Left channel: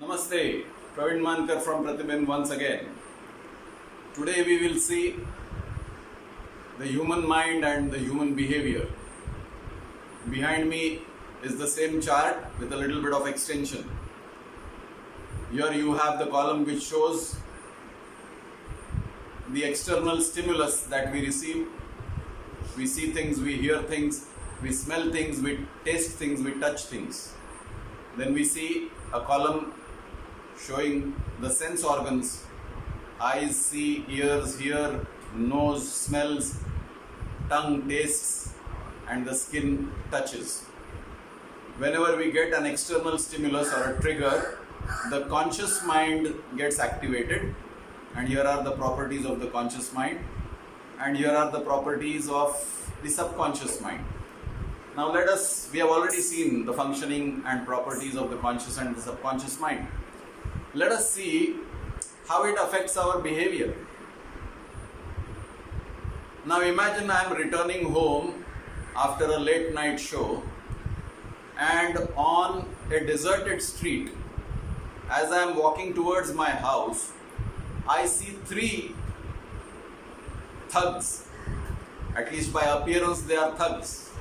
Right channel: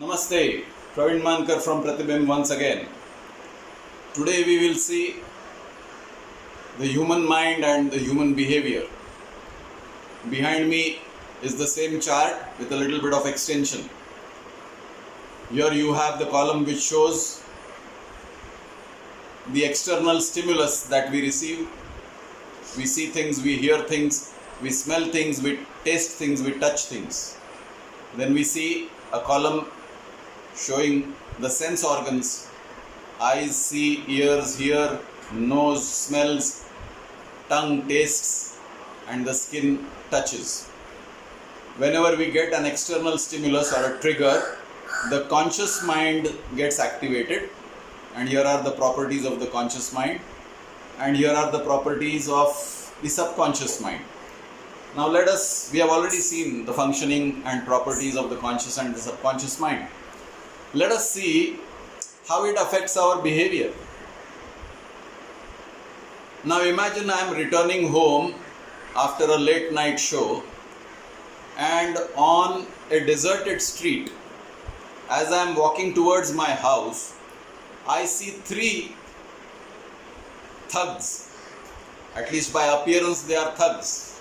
Namaste, Praveen Mankar from Pratibimb once again. Today we will see the human mind and the human behavior. Behind me is the same chart with a little bit of extension. Here you have the column which shows the external stimulus that we receive. We see things, we hear things, we smell things, we taste things, we touch things. Then we see a column showing the sense organs: eyes see, ears hear, nose smells, tongue tastes, and the skin touches. Whenever we get an external stimulus or a trigger, the conscious mind gets activated, and here are the properties of the conscious mind, and here are the properties of the subconscious mind. Now we have already seen the functioning and properties of the conscious and the subconscious mind. Let us see how it affects our behavior. Now imagine I am returning home after a late night show, and on a deserted street, as I am walking towards my house, I see three thugs. At least by appearance they are thugs,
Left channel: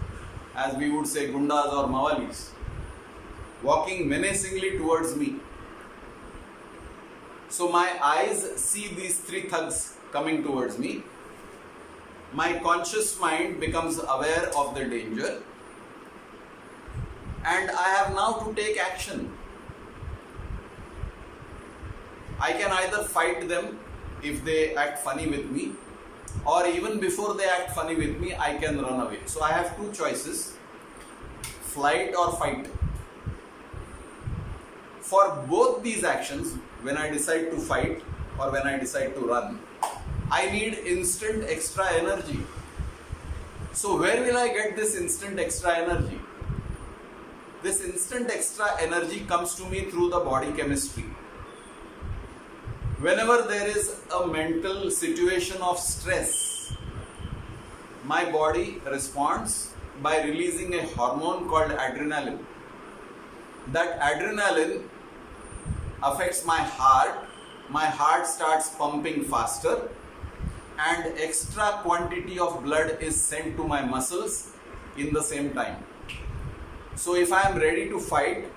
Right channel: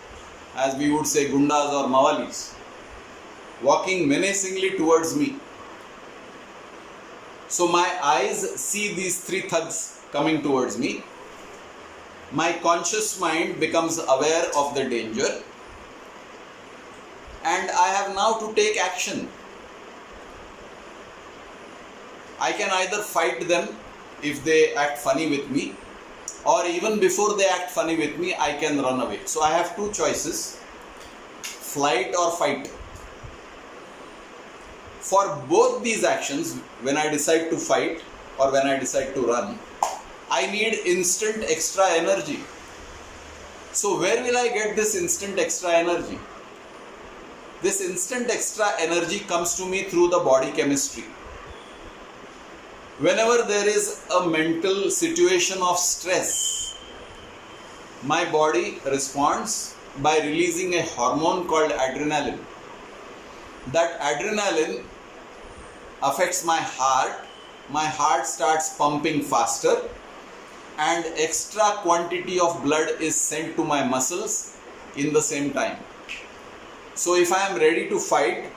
as we would say gundas or mawalis, walking menacingly towards me. So my eyes see these three thugs coming towards me. My conscious mind becomes aware of the danger, and I have now to take action. I can either fight them if they act funny with me, or even before they act funny with me, I can run away. So I have two choices: flight or fight. For both these actions, when I decide to fight or when I decide to run, I need instant extra energy. So where will I get this instant extra energy? This instant extra energy comes to me through the body chemistry. Whenever there is a mental situation of stress, my body responds by releasing a hormone called adrenaline. That adrenaline affects my heart starts pumping faster, and extra quantity of blood is sent to my muscles in the same time. So if I am ready to fight,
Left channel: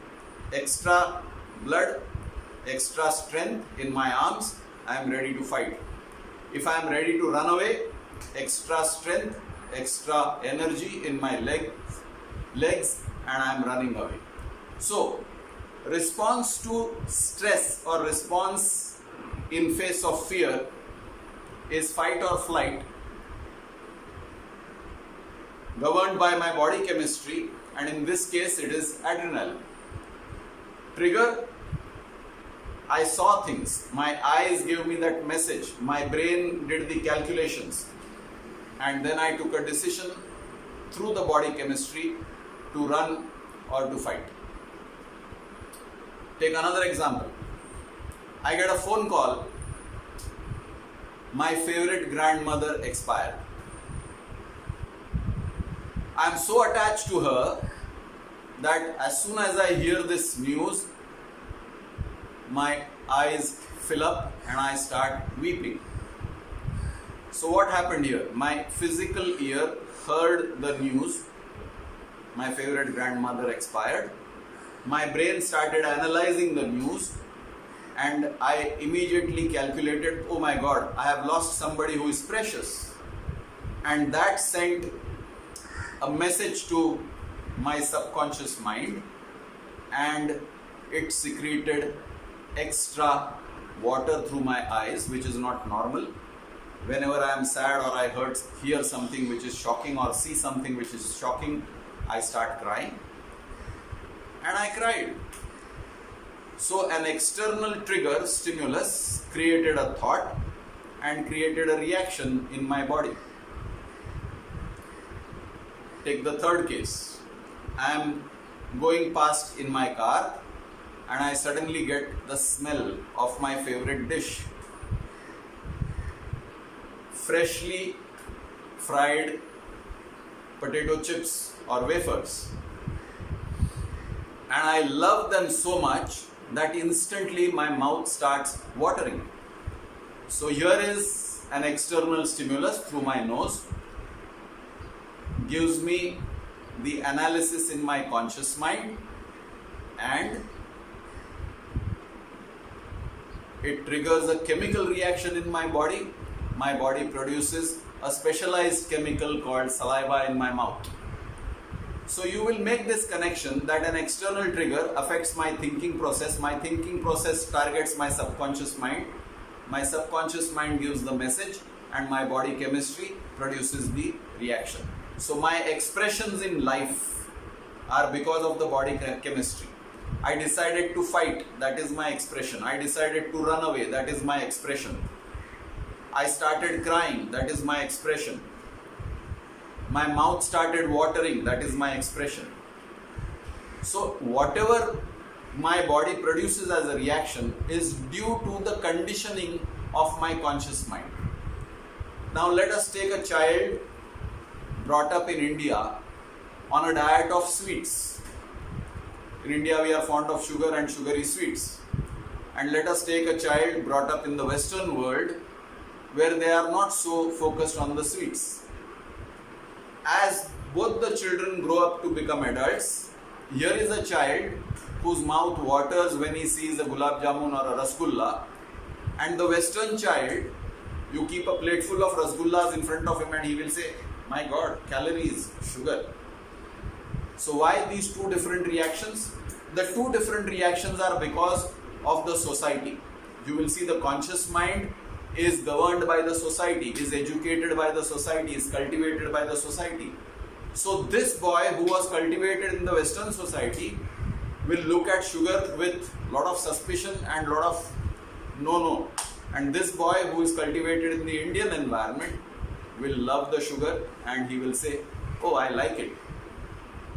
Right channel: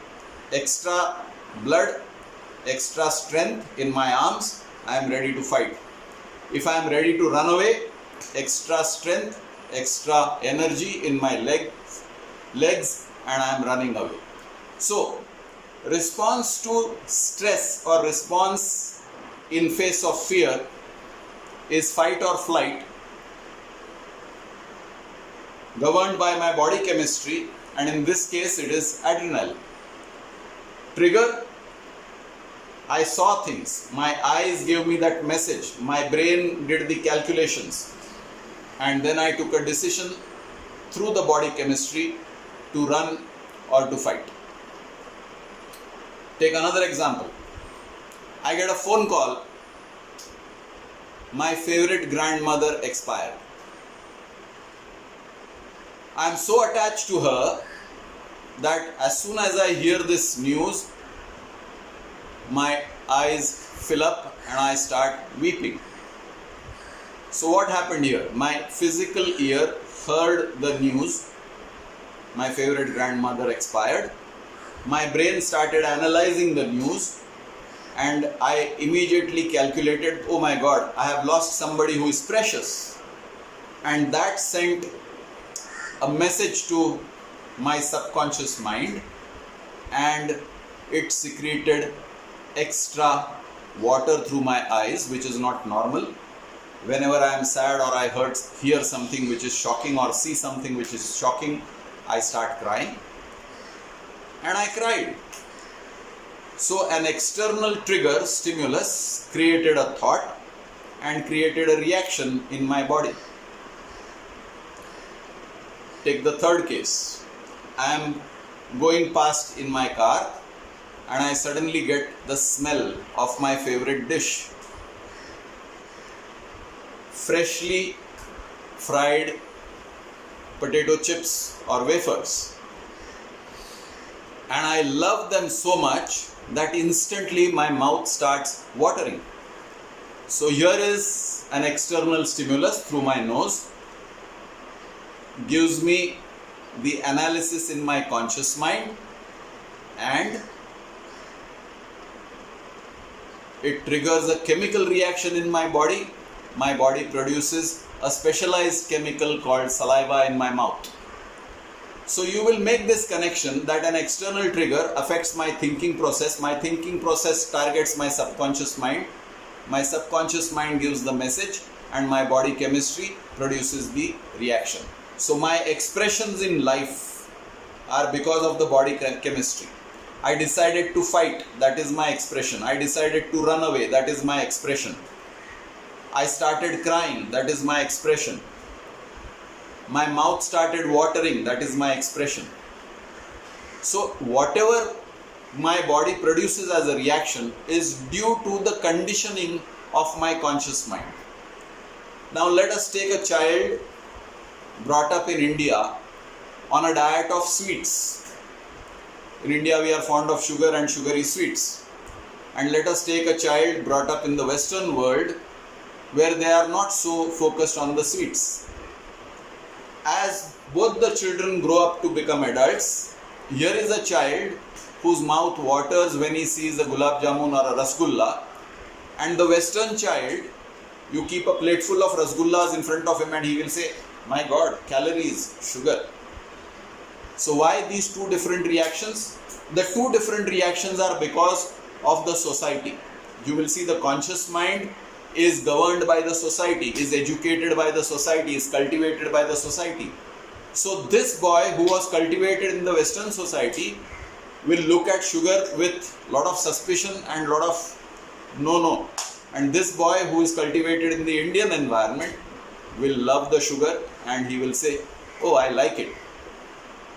extra blood, extra strength in my arms, I am ready to fight. If I am ready to run away, extra strength, extra energy in my legs, and I am running away. So response to stress or response in face of fear is fight or flight, governed by my body chemistry, and in this case it is adrenaline. Trigger: I saw things, my eyes gave me that message, my brain did the calculations, and then I took a decision through the body chemistry to run or to fight. Take another example. I get a phone call: my favorite grandmother expired. I am so attached to her that as soon as I hear this news, my eyes fill up and I start weeping. So what happened here? My physical ear heard the news, my favorite grandmother expired. My brain started analyzing the news, and I immediately calculated, oh my God, I have lost somebody who is precious. And that sent a message to my subconscious mind, and it secreted extra water through my eyes, which is not normal. Whenever I am sad or I hear something which is shocking or see something which is shocking, I start crying. And I cried. So an external trigger, stimulus, created a thought and created a reaction in my body. Take the third case. I am going past in my car, and I suddenly get the smell of my favorite dish. Freshly fried potato chips or wafers. And I love them so much that instantly my mouth starts watering. So here is an external stimulus through my nose, gives me the analysis in my conscious mind, and it triggers a chemical reaction in my body. My body produces a specialized chemical called saliva in my mouth. So you will make this connection that an external trigger affects my thinking process. My thinking process targets my subconscious mind. My subconscious mind gives the message, and my body chemistry produces the reaction. So my expressions in life are because of the body chemistry. I decided to fight, that is my expression. I decided to run away, that is my expression. I started crying, that is my expression. My mouth started watering, that is my expression. So whatever my body produces as a reaction is due to the conditioning of my conscious mind. Now let us take a child brought up in India on a diet of sweets. In India we are fond of sugar and sugary sweets. And let us take a child brought up in the Western world where they are not so focused on the sweets. As both the children grow up to become adults, here is a child whose mouth waters when he sees a gulab jamun or a rasgulla, and the Western child, you keep a plate full of rasgullas in front of him and he will say, my God, calories, sugar. So why these two different reactions? The two different reactions are because of the society. You will see the conscious mind is governed by the society, is educated by the society, is cultivated by the society. So this boy who was cultivated in the Western society will look at sugar with lot of suspicion and lot of no. And this boy who is cultivated in the Indian environment will love the sugar and he will say, oh, I like it.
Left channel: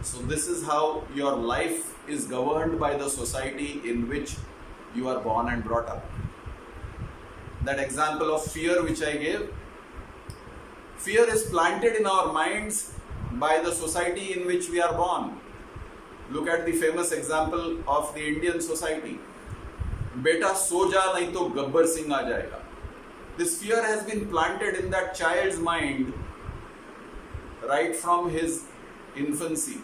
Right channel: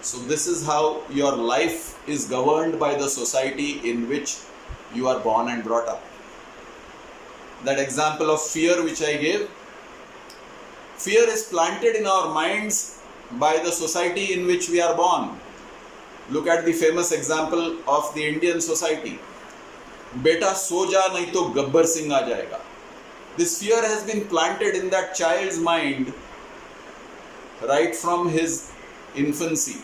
So this is how your life is governed by the society in which you are born and brought up. That example of fear which I gave, fear is planted in our minds by the society in which we are born. Look at the famous example of the Indian society. Beta so ja nahi to Gabbar Singh aa jayega. This fear has been planted in that child's mind right from his infancy.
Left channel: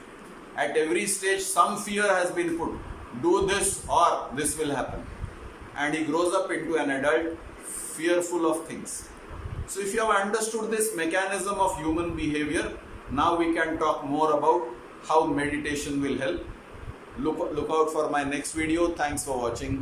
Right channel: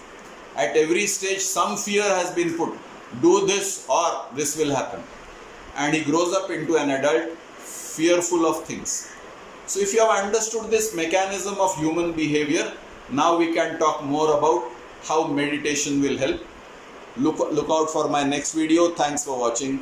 At every stage some fear has been put. Do this or this will happen. And he grows up into an adult fearful of things. So if you have understood this mechanism of human behavior, now we can talk more about how meditation will help. Look out for my next video. Thanks for watching.